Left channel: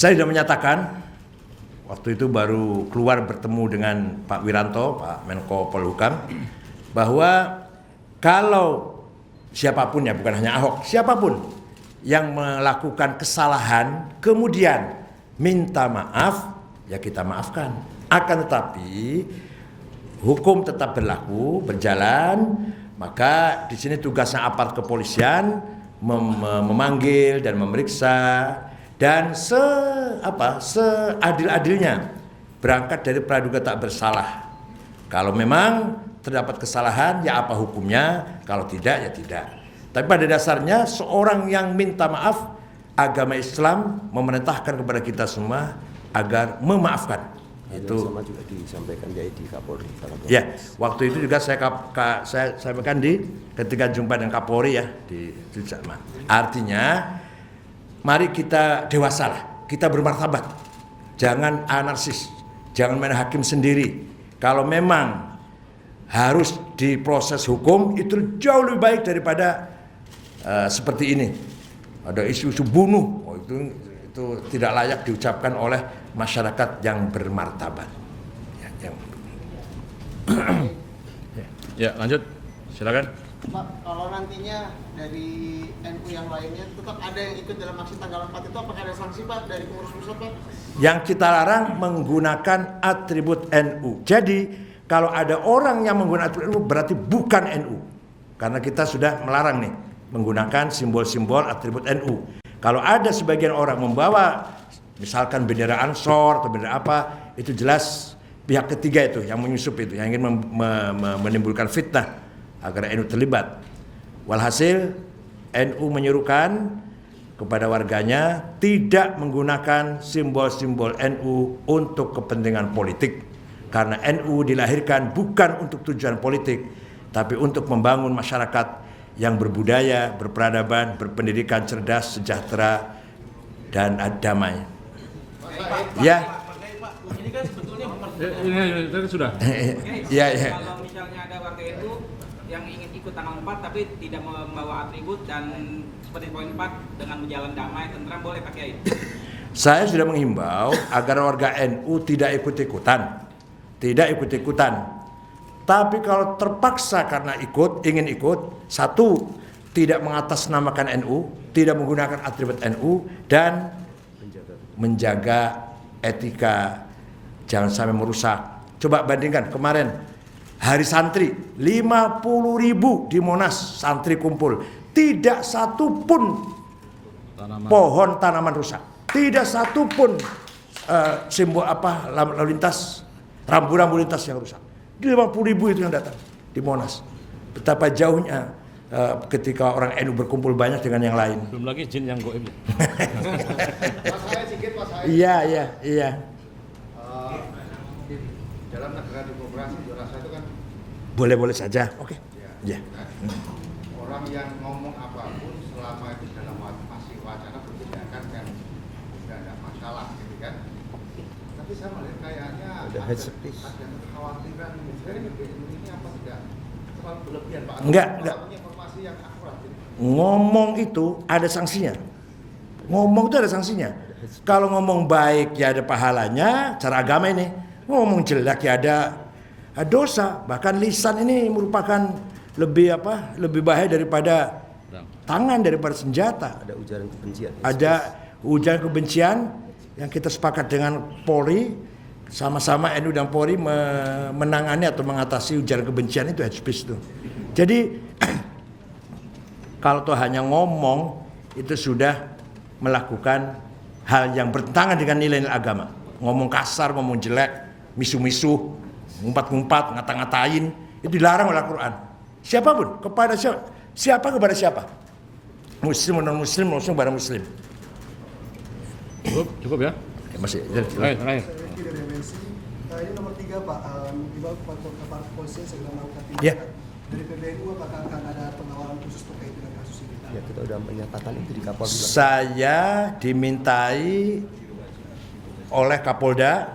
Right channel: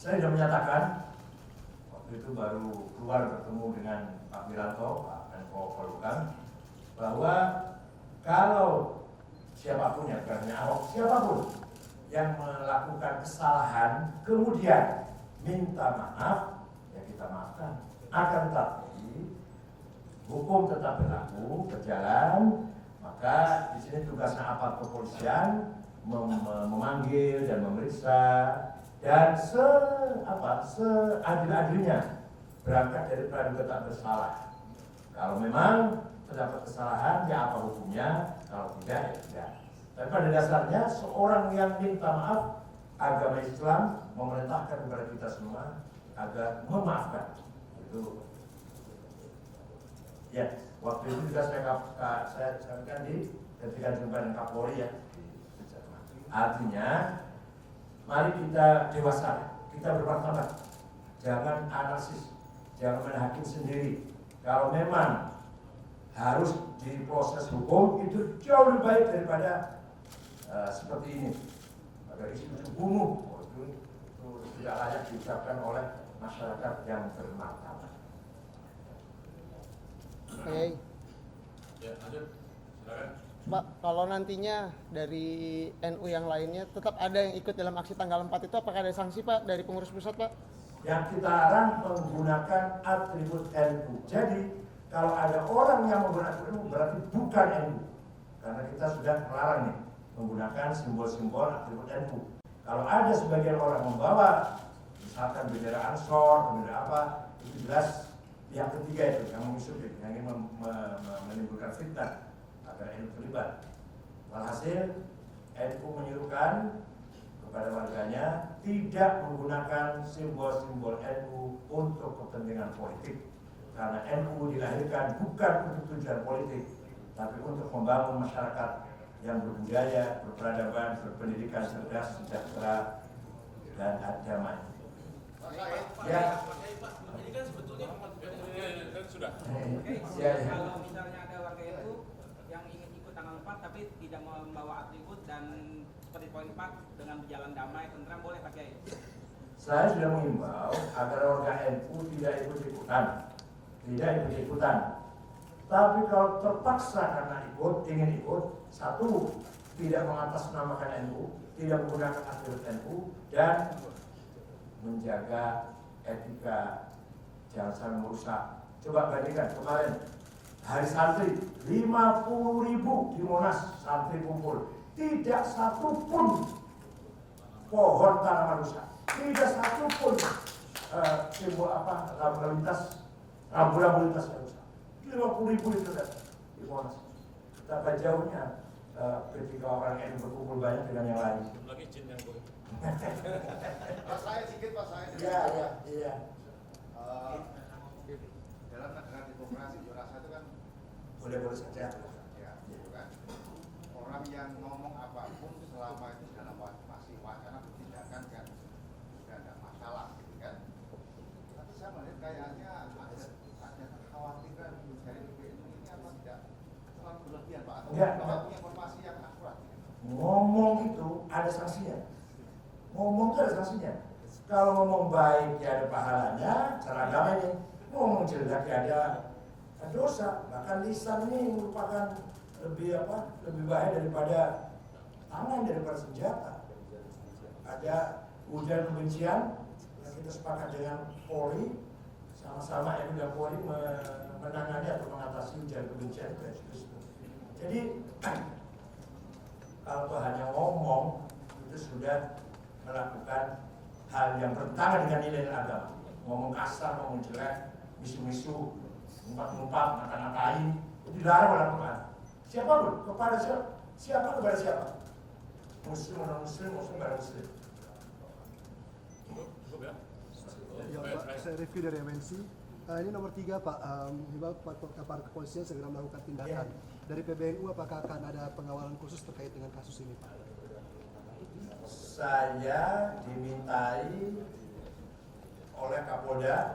Saya sudah menyatakan, waktu itu baru keluar bertemu dengan Pak Wiranto, Pak Menko Polhukam, bahwa kalau siapapun ya, bukan hanya Ahok, siapapun yang melakukan kesalahan kemudian minta maaf, ya kita maafkan. Akan tetapi hukum tetap berlaku, berjalan, maka di sini tugasnya aparat kepolisian memanggil dan memeriksa dan seadil-adilnya berangkat dari praduga tak bersalah. Kalau memang terdapat kesalahan, ya apa hukumnya? Kalau tidak, ya tidak. Tapi pada dasarnya seorang yang minta maaf, agama Islam memerintahkan kepada kita semua agar memaafkan. Itu sama juga disampaikan di Kapolri. Ya, waktu itu juga saya sampaikan ketika jumpa dengan Kapolri ya di Sulsel. Artinya, mari kita dewasalah, kita bermartabat, jangan anarkis, jangan main hakim sendiri. Kalau memang harus diproses hukum, itu jauh lebih baik daripada seperti ini. Ada isu-isu bunuh, itu tidak layak diucapkan oleh masyarakat yang bermartabat. Ya, lanjut, silakan. Pak, kalau nantinya dari NU yang lainnya tetap ada yang ikut dalam aksi tanggal 4 itu, apakah ada sanksi Pak dari pengurus pusat Pak? Yang kita larang menggunakan atribut NU. Jadi kalau ada orang yang menggunakan atribut NU berarti bukan NU. Karena kita sudah melarang nih menggunakan simbol-simbol atribut NU. Kalau ada sebagian orang membawa misalkan bendera Ansor atau bendera apa, itu jelas pihak ketiga itu yang menyusup itu, yang ingin menimbulkan fitnah agar NU terlibat. Walhasil NU menyuruhkan kepada warganya tidak menggunakan simbol-simbol NU untuk kepentingan politik. Karena NU dilahirkan bukan untuk tujuan politik, tapi untuk membangun masyarakat yang berbudaya, berperadaban, berpendidikan, cerdas, sejahtera, dan damai. Ya. Ini kan sebetulnya Ini sudah. Ya. kalau misalnya ada warga NU yang ingin ikut tanggal 4 tapi tidak membawa atribut dan seperti poin 4 dengan berjalan damai, tentram, boleh Pak Kiai? Saya sudah menghimbau agar warga NU tidak ikut-ikutan. Tapi kalau terpaksa karena ingin ikut, satu, tidak mengatasnamakan NU, tidak menggunakan atribut NU, dan menjaga etika, jangan sampai merusak. Coba bandingkan kemarin Hari Santri, 50.000 di Monas santri kumpul, tidak satu pun pohon tanaman rusak, tidak satu pun simbol lalu lintas, rambu-rambu lintas yang rusak. 50.000 itu yang datang di Monas. Betapa jauhnya ketika orang NU berkumpul banyak dengan yang lain. Belum lagi jin yang goib. Iya. Dalam negara demokrasi rasa itu kan Boleh saja. Oke. Ya. Orang yang ngomong apapun selama itu dalam masih wacana bertindakan kan tidak ada masalah gitu kan. Tapi saya melihat kayaknya ada kekhawatiran dari PBNU ini apa tidak terlalu berlebihan Pak? Enggak. Punya informasi yang akurat gitu. Ngomong itu ada sanksinya. Kalau ngomong baik ya ada pahalanya, cara agama ini. Ngomong jelek ya ada dosa. Bahkan lisan ini merupakan lebih bahaya daripada tangan, daripada senjata. Ada ujaran kebencian. Ada ujaran kebencian yang kita sepakat dengan Polri, sama-sama NU dan Polri menangani atau mengatasi ujaran kebencian itu, hate speech itu. Jadi kalau tuh hanya ngomong itu sudah melakukan hal yang bertentangan dengan nilai-nilai agama. Ngomong kasar, ngomong jelek, misuh-misuh, ngumpat-ngumpat, ngata-ngatain, itu dilarang oleh Al-Quran. Siapapun, kepada siapa kepada siapa. Muslim, non-muslim, muslim kepada muslim. Cukup ya? Masih. Terakhir. Ini nomor 3 Pak, mengimbau kepada kepolisian segera mengangkat Ya. Dari PBNU apakah akan ada pengawalan khusus terkait dengan kasus ini? Ya, kita sudah menyatakan itu di Kapolri. Saya dimintai oleh Kapolda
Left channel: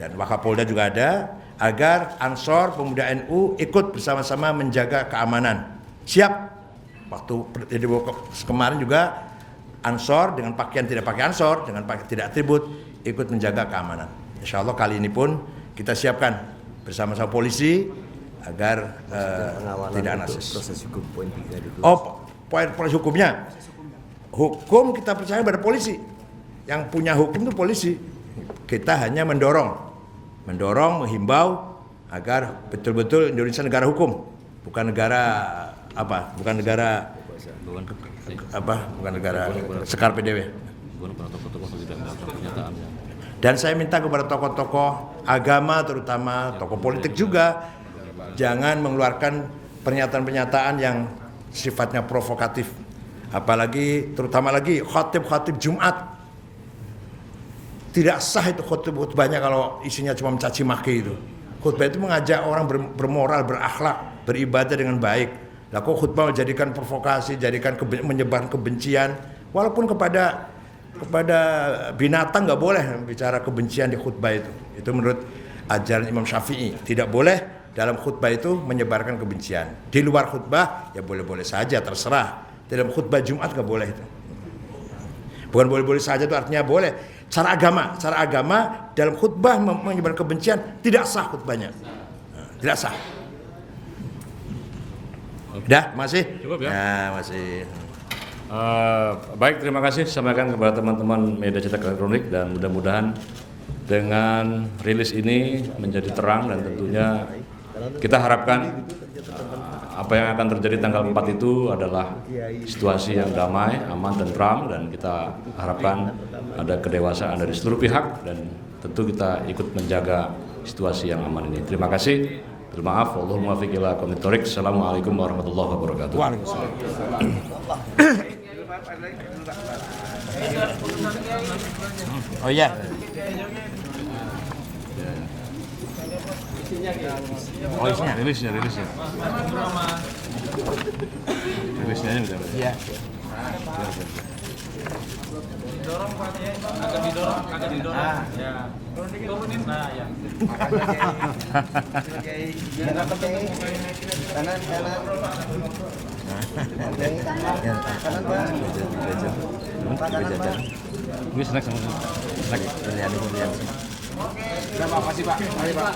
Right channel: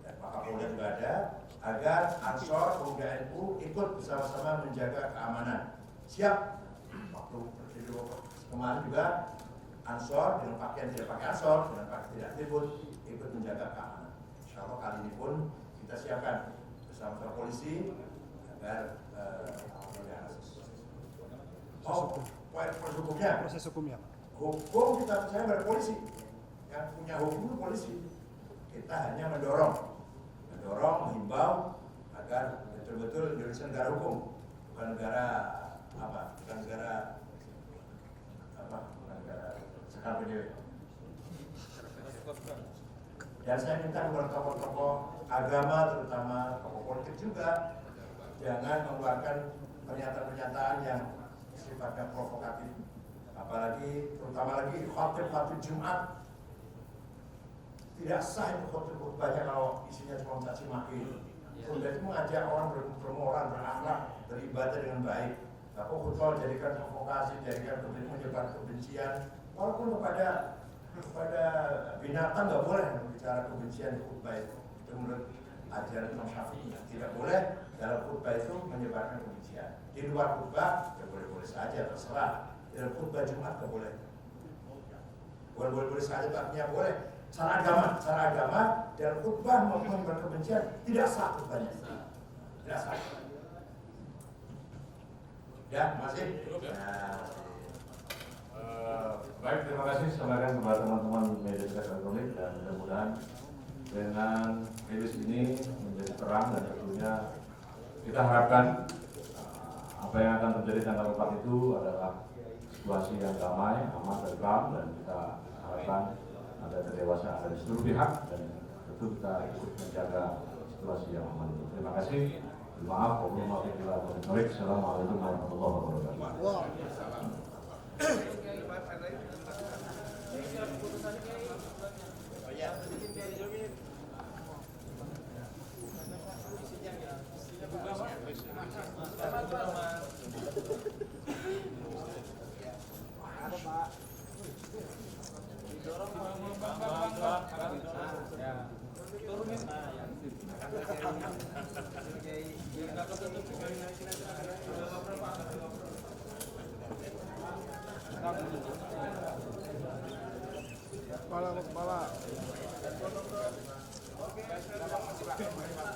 dan Wakapolda juga ada agar Ansor Pemuda NU ikut bersama-sama menjaga keamanan. Siap. Waktu kemarin juga ansor dengan pakaian tidak pakai ansor, dengan pakaian tidak atribut, ikut menjaga keamanan. Insya Allah kali ini pun kita siapkan bersama-sama polisi agar Pengawalan tidak untuk nasis. proses hukum poin 3 dulu. Oh, poin proses hukumnya. Hukum kita percaya pada polisi. Yang punya hukum itu polisi. Kita hanya mendorong, menghimbau agar betul-betul Indonesia negara hukum, bukan negara apa? Bukan negara sekar PDW. Dan saya minta kepada tokoh-tokoh agama, terutama tokoh politik juga, jangan mengeluarkan pernyataan-pernyataan yang sifatnya provokatif. Apalagi, terutama lagi khatib-khatib Jumat. Tidak sah itu khutbahnya kalau isinya cuma mencaci maki itu. Khutbah itu mengajak orang bermoral, berakhlak, beribadah dengan baik. Lah kok khutbah jadikan provokasi, jadikan menyebarkan kebencian, walaupun kepada binatang nggak boleh bicara kebencian di khutbah itu. Itu menurut ajaran Imam Syafi'i. Tidak boleh dalam khutbah itu menyebarkan kebencian. Di luar khutbah ya boleh-boleh saja, terserah. Dalam khutbah Jumat nggak boleh itu. Bukan boleh-boleh saja itu artinya boleh. Cara agama dalam khutbah menyebarkan kebencian tidak sah khutbahnya. Tidak sah. Udah, masih? Cukup ya? Nah, masih. Baik, terima kasih sampaikan kepada teman-teman media cetak elektronik dan mudah-mudahan dengan rilis ini menjadi terang dan tentunya kita harapkan apa yang akan terjadi tanggal 4 itu adalah situasi yang damai, aman, tentram dan kita harapkan ada kedewasaan dari seluruh pihak dan tentu kita ikut menjaga situasi yang aman ini. Terima kasih. Terima maaf. Wallahul muwaffiq ila aqwamit thoriq. Assalamualaikum warahmatullahi wabarakatuh. Oh iya. Oh isinya, rilisnya. Rilisnya aja bisa. Iya. Agak didorong. Ya. Komunis nah ya. Ini snack sama snack. Lihat. Terima kasih Pak. Mari Pak.